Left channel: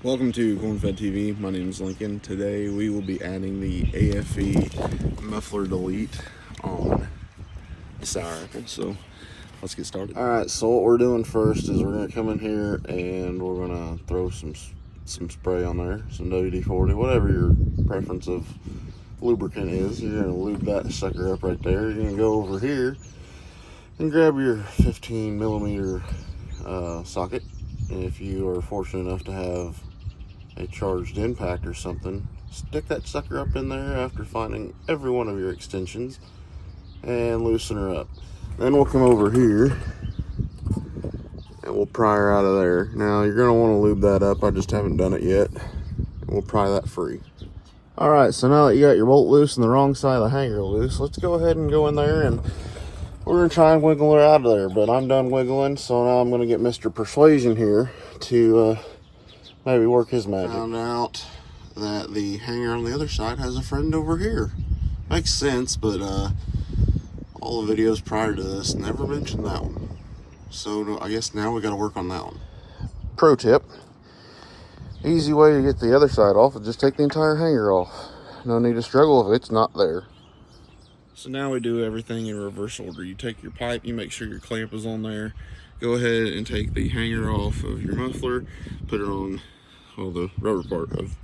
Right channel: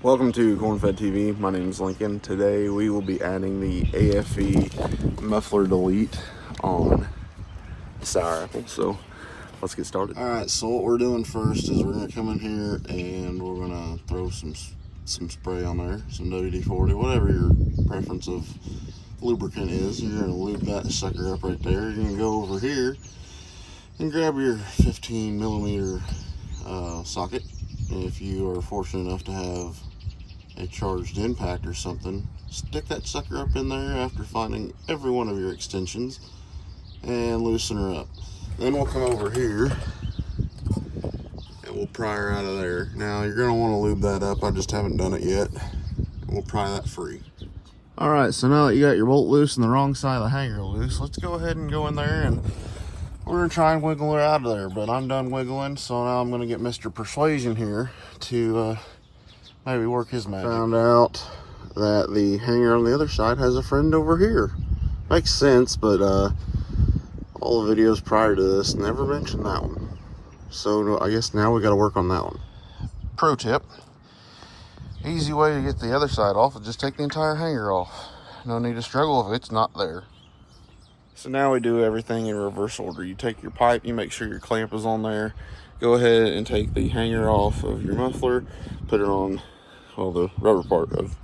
Welcome to Corn-Fed TV. My name is Lincoln. Today we will be adding the aFe muffler delete on the sour apple. So let's get started. All right, so what we're doing first is we're gonna come in here and we're gonna throw some spray on there, some WD-40, whatever your preference of lubricant is. You're gonna lube that sucker up right there. You're gonna go over here and grab your 15 millimeter socket. And if you are fortunate enough to have a charged impact or something, stick that sucker up in there after finding every one of your extensions and loosen her up. Then we'll come over here and we'll pry her out of there. Now you're going to want to lube that up. I just haven't done it yet. And we'll pry that free. All right, so now that you got your bolt loose and the wrong side of the hanger loose, let's go ahead and go in there and we're going to try and wiggle her out of there. But I'm done wiggling, so now I'm going to get Mr. Persuasion here to maybe work his magic. Found out that the hanger on the other side has a friend over here. Makes sense, but all the videos prior to this never mentioned that one. So I guess now we got to work on that one. Pro tip: easy way to get the other side off is just take the entire hanger off. No need to struggle if it's not there. So now we do everything in reverse order. You take your pipe, you make sure your clamp is on there. Go ahead and take the hanger off of your muffler, put it on, well, the rubber part of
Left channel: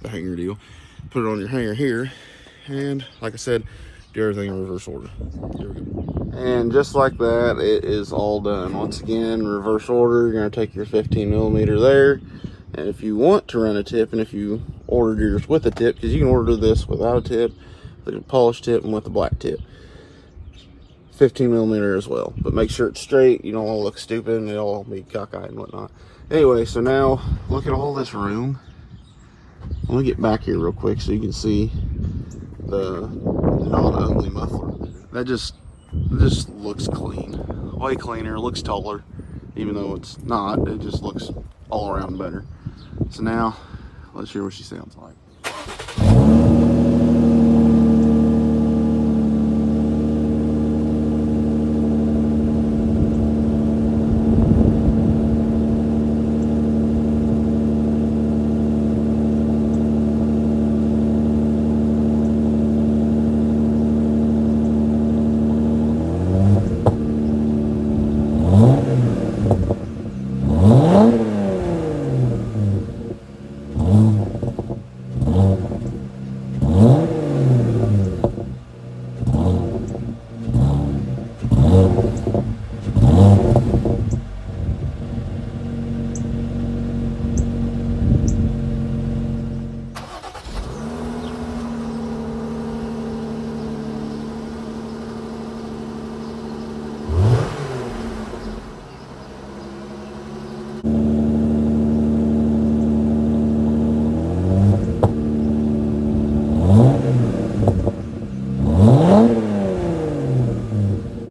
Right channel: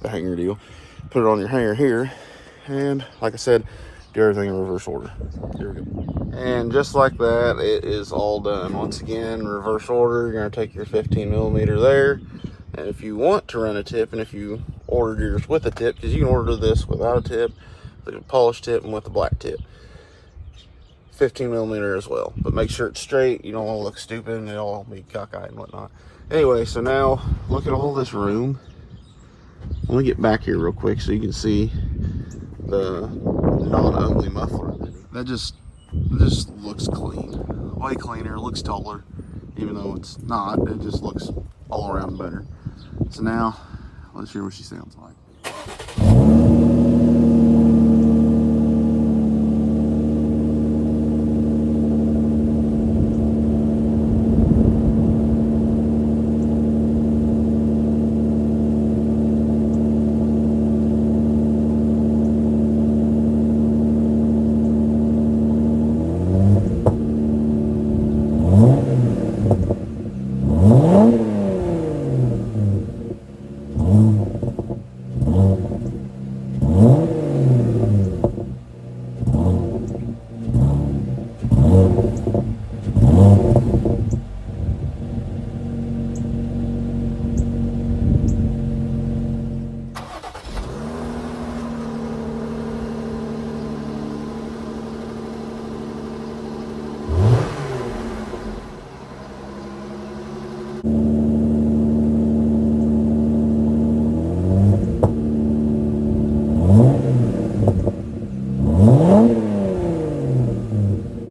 the hanger deal. Put it on your hanger here, and like I said, do everything in reverse order. Here we go. And just like that, it is all done. Once again, reverse order. You're gonna take your 15 millimeter there, and if you want to run a tip, and if you ordered yours with a tip, because you can order this without a tip, the polished tip, and with the black tip, 15 millimeter as well. But make sure it's straight. You don't want to look stupid and it'll be cockeyed and whatnot. Anyway, so now look at all this room. Let me get back here real quick so you can see the non-ugly muffler. That just looks clean, way cleaner. It looks taller, even though it's not. It just looks all around better. So now let's hear what she sounds like.